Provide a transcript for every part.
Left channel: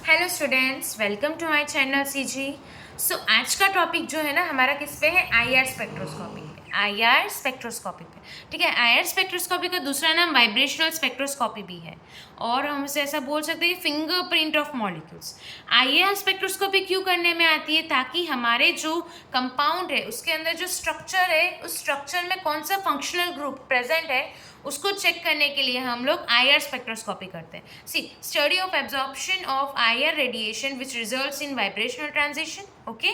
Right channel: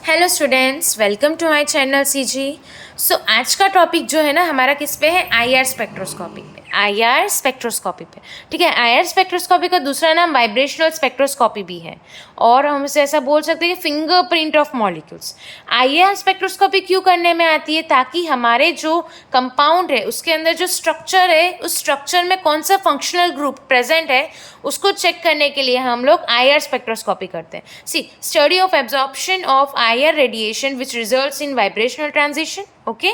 Hello students, welcome to my channel CG. So आज का topic जो है ना हमारा किस पे है, आईआर स्पेक्ट्रोस्कोपी पे। आईआर स्पेक्ट्रोस्कोपी पे, ठीक है। आईआर स्पेक्ट्रोस्कोपी का दूसरा नाम वाइब्रेशनल स्पेक्ट्रोस्कोपी भी है, और हम इसे ऐसा बोल सकते हैं कि fingerprint of molecules. IR spectroscopy क्यों करने में आती है? ताकि हमारे जो कंपाउंड है उसके अंदर जो स्ट्रक्चर है, उस स्ट्रक्चर में कौन सा फंक्शनल ग्रुप प्रेजेंट है उसको चेक करने के लिए हम लोग आईआर स्पेक्ट्रोस्कोपी करते हैं। See study of absorption of IR radiation which results in vibrational transition, okay?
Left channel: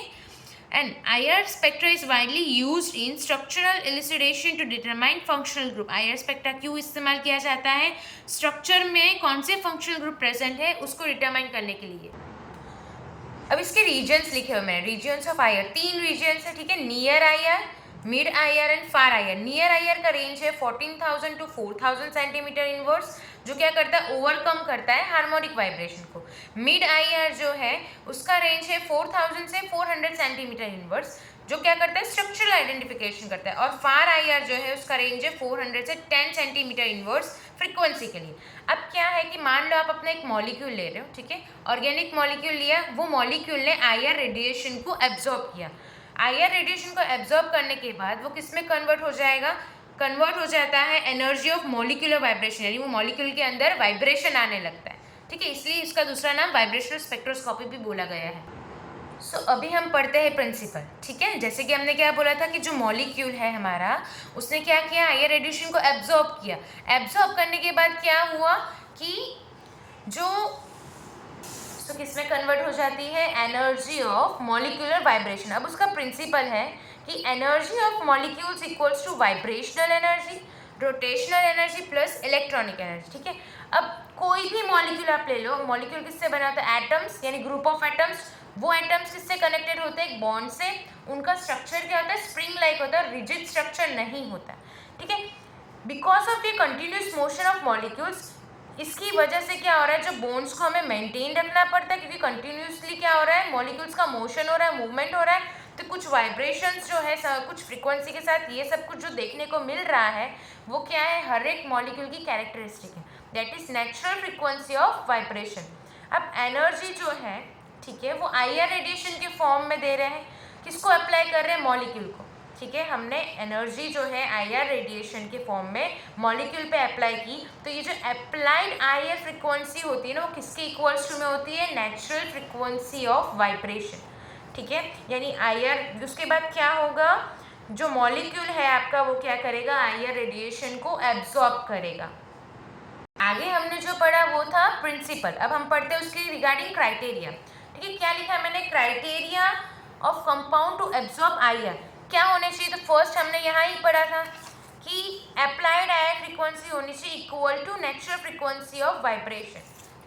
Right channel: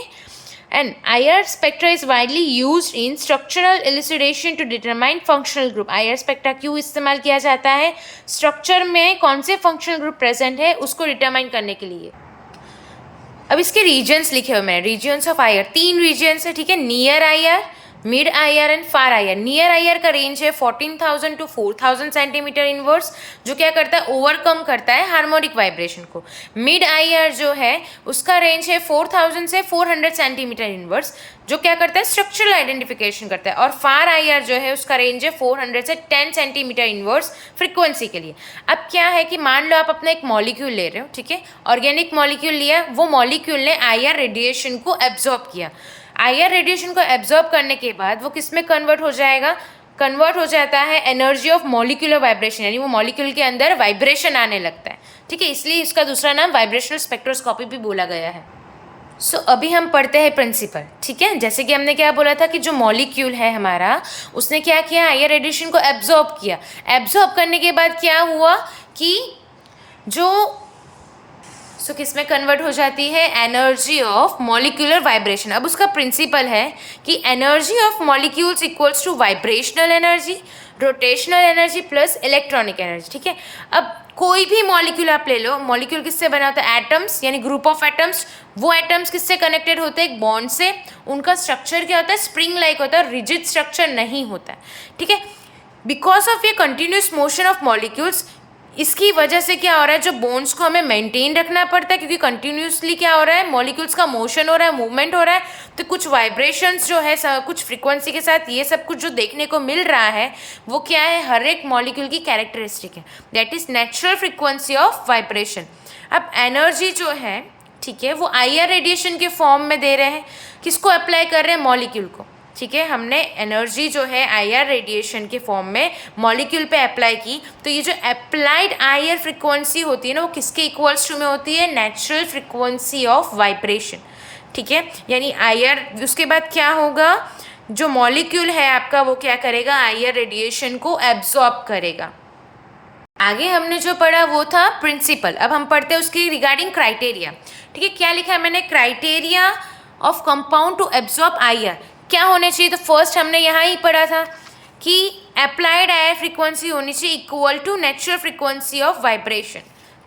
And IR spectra is widely used in structural elucidation to determine functional group. IR spectra क्यों इस्तेमाल किया जाता है? स्ट्रक्चर में कौन से फंक्शनल ग्रुप प्रेजेंट है उसको डिटरमाइन करने के लिए। अब इसके रीजन्स लिखे हुए हैं, रीजन्स ऑफ आईआर। 3 रीजन्स है, ठीक है। Near IR, mid IR and far IR. Near IR का रेंज है 14,000 to 4,000 सेंटीमीटर इनवर्स, जो क्या करता है, ओवरकम करता है हार्मोनिक वाइब्रेशन को। मिड आईआर जो है उसका रेंज है 4,000 से 400 सेंटीमीटर इनवर्स, जो क्या करता है, स्ट्रक्चरल आइडेंटिफिकेशन करता है। और फार आईआर जो है उसका रेंज है 400 से 10 सेंटीमीटर इनवर्स फ्रीक्वेंसी के लिए। अब क्या है कि मान लो आप अपना एक मॉलिक्यूल ले रहे हो, ठीक है, ऑर्गेनिक मॉलिक्यूल लिया, वो मॉलिक्यूल ने आईआर रेडिएशन को एब्जॉर्ब किया। आईआर रेडिएशन को एब्जॉर्ब करने के बाद वो किस में कन्वर्ट हो जाएगा? कन्वर्ट हो जाता है एनर्जी ऑफ मॉलिक्यूलर वाइब्रेशन, यानी वो मॉलिक्यूल के अंदर वाइब्रेशन आने लगता है, ठीक है। इसलिए इसका दूसरा नाम वाइब्रेशनल स्पेक्ट्रोस्कोपी भी बोला गया है। सो अभी हम पढ़ते हैं प्रिंसिपल, ठीक है। जैसे कि हमने क्या बोला था कि जो मॉलिक्यूल है हमारा, उसने क्या किया, आईआर रेडिएशन को एब्जॉर्ब किया। एब्जॉर्ब करने के बाद क्या हुआ कि जो किस में कन्वर्ट हो जाती है, एनर्जी ऑफ मॉलिक्यूलर वाइब्रेशन। अब उसका प्रिंसिपल है कि energy of molecules equals to vibrational energy, rotational energy plus electronic energy, ठीक है। अब कोई भी मॉलिक्यूल आप ले लो, मॉलिक्यूल किससे बना होता है, एटम्स, यानी ग्रुप ऑफ एटम्स। वो एटम्स किससे कनेक्टेड होते हैं, एक बॉन्ड से। उनका स्ट्रक्चर क्या होता है, स्प्रिंग लाइक होता है, रिजिड स्ट्रक्चर नहीं होता है, ठीक है। बिकॉज ऑफ ये कंटिन्यूस मोशन ऑफ मॉलिक्यूल्स, इसकी वजह से क्या हो रहा है, जो बोन्स को हमें मेंटेन रखना पड़ता है, क्योंकि कंटिन्यूसली क्या हो रहा है, मॉलिक्यूल्स का मोशन हो रहा है, मूवमेंट हो रहा है, तो कुछ वाइब्रेशंस जो है कुछ फ्रीक्वेंसी के साथ, ये सब कुछ जो देखने को मिल रहा है वो क्या है, हर एक मॉलिक्यूल की कैरेक्टरिस्टिक है, that is natural frequency of vibration. अब एनर्जी जो है, ठीक है, वो आईआर रेडिएशन के फॉर्म में दे रहे हैं। किसको अप्लाई कर रहे हैं, मॉलिक्यूल को, ठीक है। हमने एनर्जी जो है आईआर रेडिएशन के फॉर्म में मॉलिक्यूल पे अप्लाई की, तो ये जो अप्लाइड आईआर फ्रीक्वेंसी होती है ना, वो किसके इक्वल्स टू में होती है, नेचुरल फ्रीक्वेंसी ऑफ वाइब्रेशन, ठीक है। यानी आईआर, उसके बाद क्या होगा, जो मॉलिक्यूल है आपका वो क्या करेगा, आईआर रेडिएशन को एब्जॉर्ब करेगा। आगे हमने जो पढ़ा वो था प्रिंसिपल। अब हम पढ़ते हैं उसकी रिगार्डिंग क्राइटेरिया, ठीक है। क्या लिखा है मैंने, criteria of compound to absorb IR क्या होने चाहिए। तो फर्स्ट हमने यहाँ ही पढ़ा था कि अप्लाइड आईआर फ्रीक्वेंसी होनी चाहिए equal to natural frequency of vibration,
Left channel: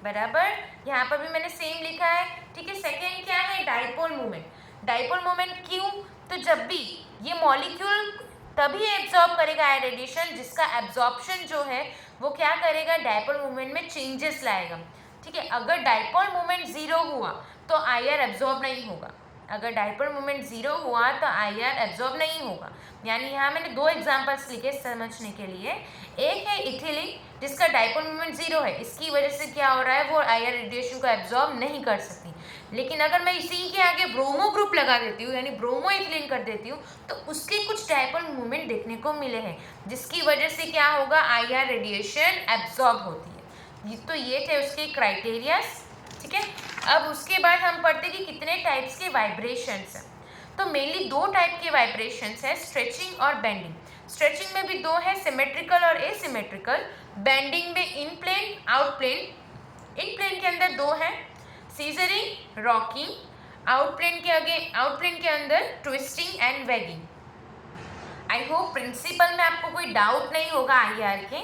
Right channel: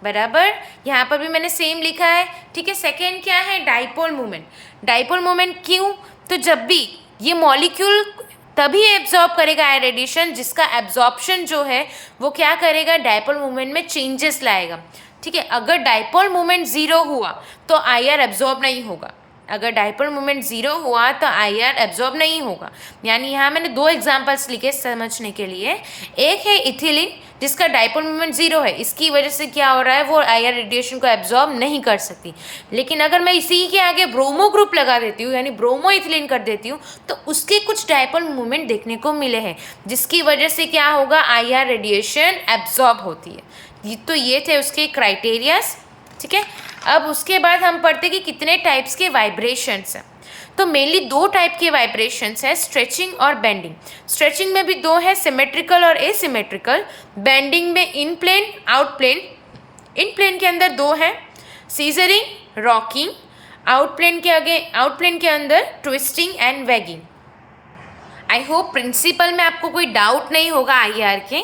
बराबर। यहाँ पर भी मैंने सेम लिखा है, ठीक है। सेकेंड क्या है, डाइपोल मोमेंट। डाइपोल मोमेंट क्यों, तो जब भी ये मॉलिक्यूल तभी एब्जॉर्ब करेगा आईआर रेडिएशन जिसका एब्जॉर्प्शन जो है वो क्या करेगा, डाइपोल मोमेंट में चेंजेस लाएगा, ठीक है। अगर डाइपोल मोमेंट जीरो हुआ तो आईआर एब्जॉर्ब नहीं होगा। अगर डाइपोल मोमेंट जीरो हुआ तो आईआर एब्जॉर्ब नहीं होगा। यानी यहाँ मैंने 2 एग्जांपल्स लिखे समझने के लिए। एक है इथिलीन, जिसका डाइपोल मोमेंट जीरो है, इसकी वजह से क्या हो रहा है, वो आईआर रेडिएशन को एब्जॉर्ब नहीं कर सकती। लेकिन अगर मैं इसी के आगे ब्रोमो ग्रुप लगा देती हूँ, यानी ब्रोमो इथिलीन कर देती हूँ, तो उसके कुछ डाइपोल मोमेंट देखने को मिले हैं, जिसकी वजह से क्या होगा, आईआर रेडिएशन एब्जॉर्ब होती है। तो ये थे उसके क्राइटेरियाज, ठीक है। अब उसके बाद हम पढ़ते कि कितने टाइप्स के वाइब्रेशंस हैं। तो मेनली 2 टाइप के वाइब्रेशंस हैं, स्ट्रेचिंग और बेंडिंग। स्ट्रेचिंग में भी 2 है, सिमेट्रिकल और एसिमेट्रिकल। बेंडिंग में इन प्लेन, आउट प्लेन। इन प्लेन के अंदर 2 है, सीजरिंग, रॉकिंग। आउट प्लेन के अंदर twisting and wagging. I hope principle में आपको कोई डाउट नहीं होगा आईआर के।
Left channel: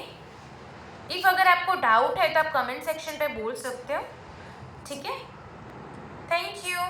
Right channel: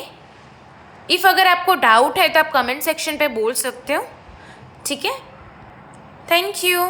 इफ़ अगर आपको डाउट है तो आप कमेंट सेक्शन पे बोल सकते हो, ठीक है। Thank you.